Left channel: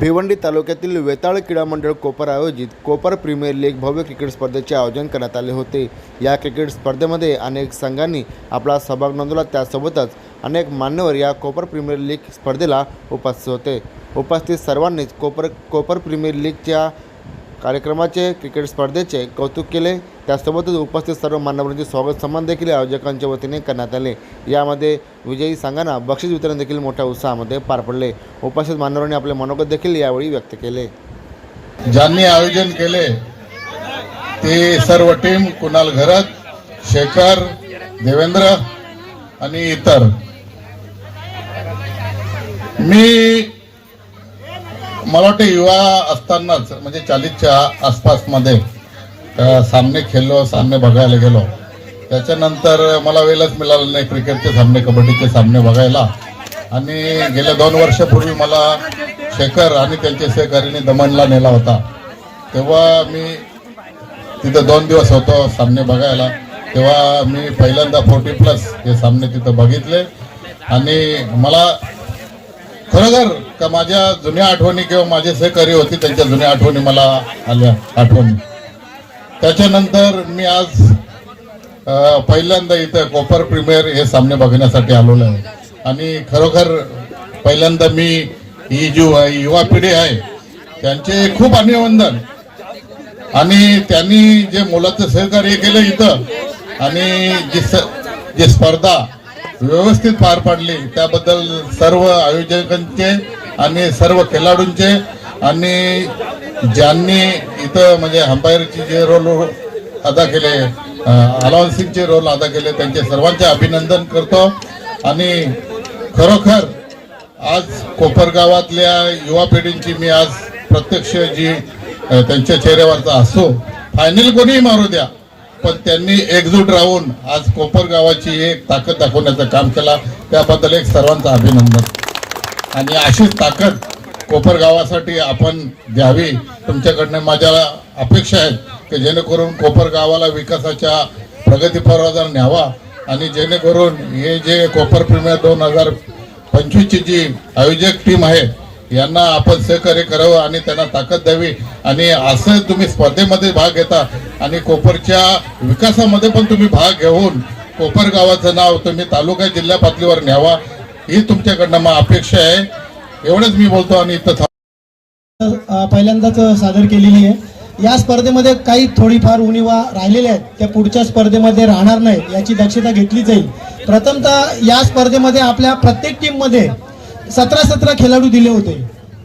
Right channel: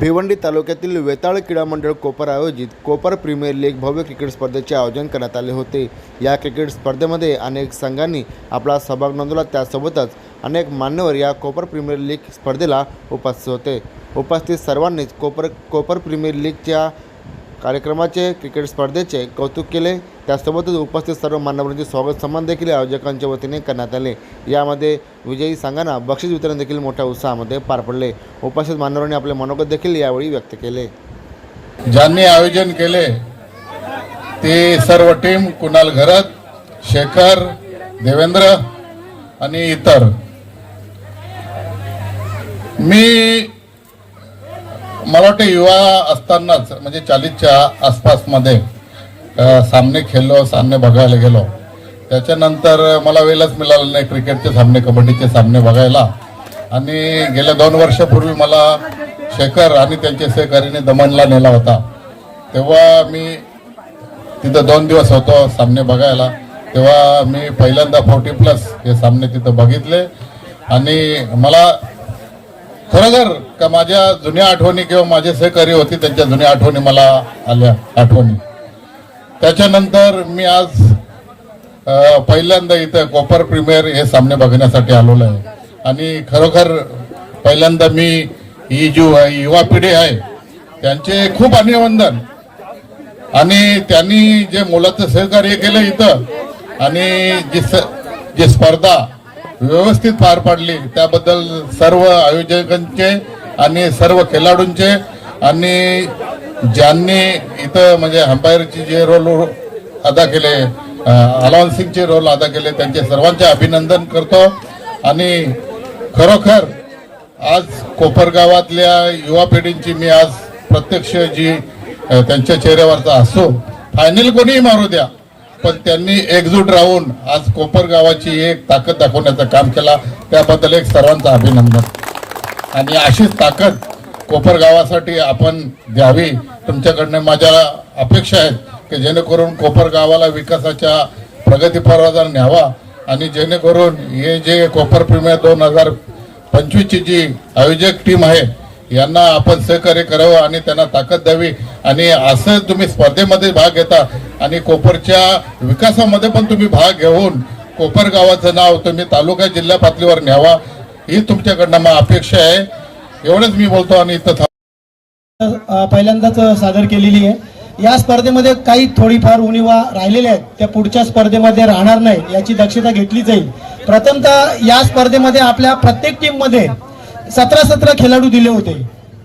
भिवंडी तालुक्यातील वेताळ क्रीडा मंडळ कोपर आयोजित कोपर प्रीमियर लीग भव्य क्रिकेट स्पर्धेचे आयोजन करण्यात आले होते. या क्रिकेट स्पर्धेमध्ये अनेक संघांनी आपला सहभाग नोंदवला. त्यासोबतच अनेक मान्यवर या कोपर प्रीमियर लीग स्पर्धेला उपस्थित होते. उपस्थित सर्वांनीच कोपर कोपर प्रीमियर लीगच्या कार्यक्रमाचे क्रिकेट स्पर्धेचे कौतुक केले. त्यासोबतच उपस्थित सर्व मान्यवरांचे स्वागत सन्मान देखील आयोजकांच्या वतीने करण्यात आले. यामध्ये विजयी संघांना बक्षीस वितरण देखील मोठ्या उत्साहामध्ये पार पडले. उपस्थित मान्यवरांनी आपले मनोगत देखील यावेळी व्यक्त केले. ज्यांनी आयोजन केले ते सर्व टीम कुणाल घरत शेखर देवेंद्र आणि इतर. मी मला वाटतं युवा असतानाच म्हणजे चाळीसच्या आसपासमध्ये सामने खेळलो सामने बघायला गेलो. त्याच्यानंतर मला वेळच मिळाला नाही क्रिकेटचे सामने कबड्डीचे सामने बघायला. आणि गेल्या दोन वर्षापूर्वी मला शेखर आणि त्यांच्या सहकार्याने दमणला नेला होता. तेव्हा मी तिथं दोन दिवस होतो सामने बघायला. तेव्हा मी पहिल्यांदा फोर्टी प्लस हे सामने तिथं बघितले. आणि मला खरोखर का माझ्या जुन्या आठवणी किंवा माझे सहकारी होते त्यांच्या जुन्या आठवणी मला आल्या आठवणी. त्याच्यानंतर मी आज पहिल्यांदा इथं कोपर प्रीमियर हे सामने बघण्यासाठी आलेलो आहे. आणि खरोखर पहिल्यांदा मी ही जी युवा पिढी आहे त्यांचे खूप अभिनंदन. आणि त्यांनी जे मुलाचं सहकार्य केलं इथं आणि जी स जी स्पर्धा व्यवस्थित पार पाडली. त्याबद्दल सर्व आयोजकांचे आणि सर्व खेळाडूंचे आणि ज्यांनी इथं म्हणजे अंपायरचे जे रोल अदा केले अलाउन्सिंगचे रोल अदा केले त्यांचे सर्वांचे अभिनंदन करतो. आणि खरोखर आज कोपर गावातल्या युवा पिढींची मी आज प्रत्यक्ष जी त्यांच्या चेहऱ्यावरचा असो फायनल कोणीही मारू द्या. पण त्यांनी एकजूट राहून आज कोपर गावाची एक ताकद दाखवण्याचं काम केला. त्याबद्दल एक सर्वांचं अभिनंदन. आणि अशीच ताकद कोपर गावासाठी आपण द्यावी. तुमच्याकडनं माझ्या अपेक्षा आहेत की जेणेकरून कोपर गावाला विकासाच्या प्रगतीपरावर न्यावा. आणि जेणेकरून हे जे कोपर प्रीमियर दोन हजार पंचवीसची जी आयोजक टीम आहे यांना आपण सहकार्य करावं आणि त्यांना ताकद द्यावी. आणि असं तुम्ही स्पर्धेमध्ये भाग घेता. आणि कोपरच्या विकासामध्ये पण तुम्ही भाग घेऊन कोपर गावाचं नाव तुम्ही तालुका जिल्हा पातळीवर न्यावा. ही तुमच्याकडनं मग अपेक्षा आहे. एवढंच मी बोलतो आणि इथं पहिल्यांदाच सादर केलेली आहे. या स्पर्धेमध्ये काही थोडीफार उणीवा राहिलेल्या आहेत. त्या पुढच्या स्पर्धेमध्ये राहणार नाही याची दक्षता घेतली जाईल. प्रथमतः या स्पर्धेमध्ये आपल्या प्रत्येक टीममध्ये सतरा सतरा खेळाडू दिले होते.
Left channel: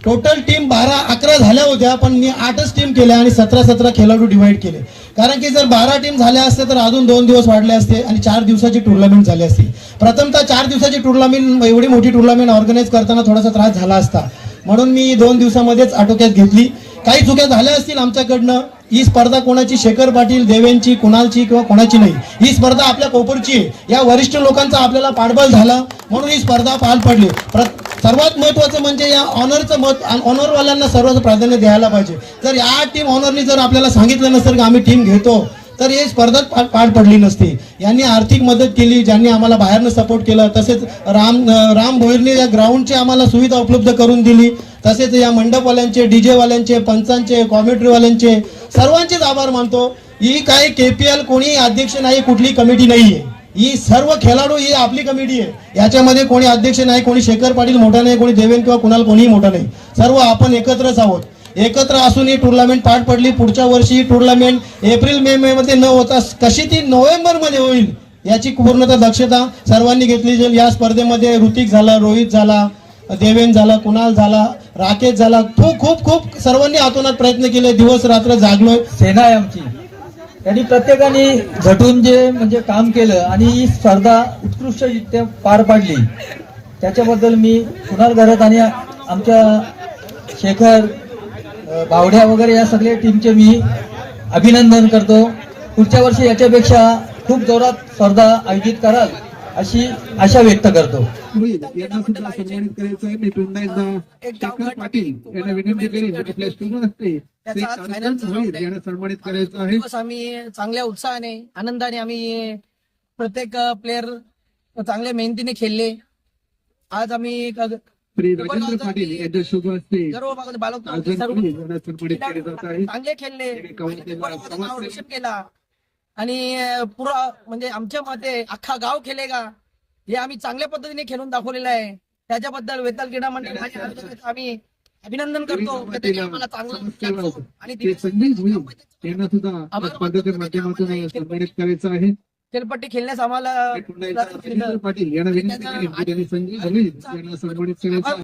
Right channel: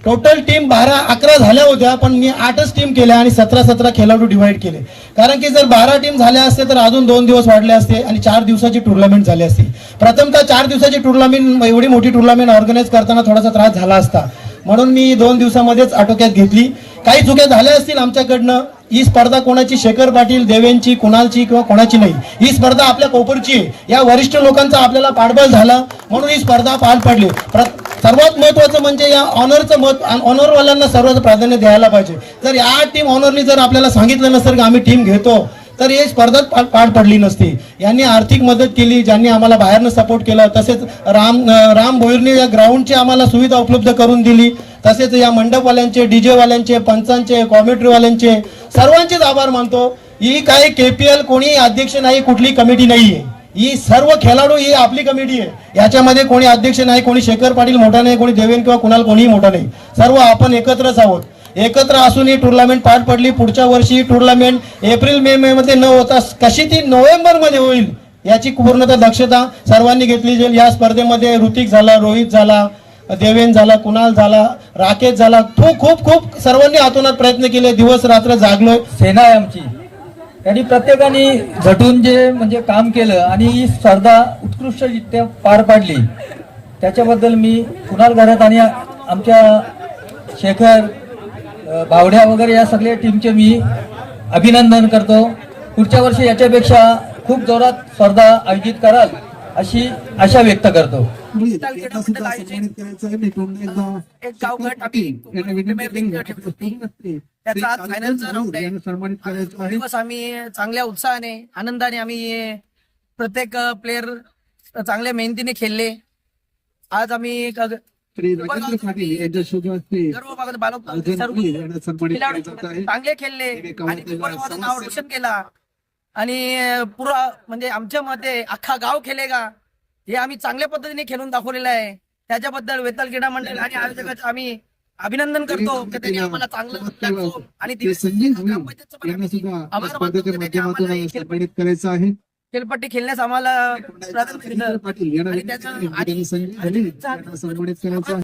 टोटल टीम बारा अकरा झाल्या होत्या पण मी आठच टीम केल्या आणि सतरा सतरा खेळाडू डिवाइड केले. कारण की जर बारा टीम झाल्या असते तर अजून दोन दिवस वाढले असते आणि चार दिवसाची टुर्नामेंट झाली असती. प्रथमतः चार दिवसाची टुर्नामेंट एवढी मोठी टुर्नामेंट ऑर्गनाईज करताना थोडासा त्रास झाला असता. म्हणून मी दोन दिवसामध्येच आटोक्यात घेतली. काही चुक्या झाल्या असतील आमच्याकडनं. ही स्पर्धा कोणाची? शेखर पाटील देवेंची कुणालची किंवा कोणाची नाही. ही स्पर्धा आपल्या कोपरची या वरिष्ठ लोकांचा आपल्याला पाठबळ झाला. म्हणून ही स्पर्धा पार पडली. प्रत सर्वात महत्वाचं म्हणजे या ऑनरचं मत ऑनरवाल्यांना सर्वात प्राधान्य द्यायला पाहिजे. जर या टीम ऑनरनी जर आपल्याला सांगितलं नसतं की आम्ही टीम घेतो तर हे स्पर्धात पार पडली नसती. यांनी आर्थिक मदत केली ज्यांनी आम्हाला बाहेरनं सपोर्ट केला तसेच राम राम भोईरने या ग्राउंडची आम्हाला सुविधा उपलब्ध करून दिली. तसेच या मंडपवाल्यांचे डीजेवाल्यांचे पंचांचे कॉमेंट्रीवाल्यांचे सर्वांचेच आभार मानतो. ही काय एल कोणी अध्यक्ष नाही कुठली कमिटी नाही आहे ही सर्व खेळाडू ही आपली कमिटी आहे. याच्यामध्ये कोणी अध्यक्ष नाही कोणी शेखर पाटील मोठा नाही कोणी देवेन किंवा कुणाल कोणीही मोठा नाही. सर्व आपण एकत्रच आहोत. एकत्र असून ही टुर्नामेंट पार पडली. पुढच्या वर्षी ही टुर्नामेंट एप्रिल मे मे मध्ये न होता कशी ती नोव्हेंबरमध्ये होईल याची पूर्णतः दक्षता सर्वांनी घेतली जाईल. या स्पर्धेमध्ये ऋतिक झाला रोहित झाला देवेन झाला कुणाल झाला राकेश झाला. खूप खूप खूप सर्वांनी आतोनात प्रयत्न केले. दिवस रात्र जागलोय. सेना आहे आमची. त्यांनी प्रत्येकाने झटून जे म्हणजे काम केलं आणि ही स्पर्धा उत्कृष्टरित्या पार पाडली. त्याच्याबद्दल मी कुणाल घरात आणि आमच्या शेखर बावड्या वगैरे या सगळ्या टीमचे मी अभिनंदन करतो. पुढच्या वर्षी याच्यापेक्षा खूप जोरात स्पर्धा आयोजित कराल अशी आशा व्यक्त करतो. एक दिवस आम्ही चांगल्या उत्साहाने आनंदाने आम्ही प्रत्येक प्लेअर चांगल्या मेहनतीने खेळले. आज आम्ही चांगले खेळले आणि नाव रोशन केला. आणि पुरा म्हणजे आमच्या मते अख्खा गाव खेळेगा. हे आम्ही चांगल्या पद्धतीने खेळून दाखवलेलं आहे. त्याच्याबद्दल वेताल क्रीडा मंडळ आणि आयोजकाचं आम्ही अभिनंदन करतो. आम्हाला चांगलं आणि करायचं आहे. खेळपट्टी खेळण्यास आम्हाला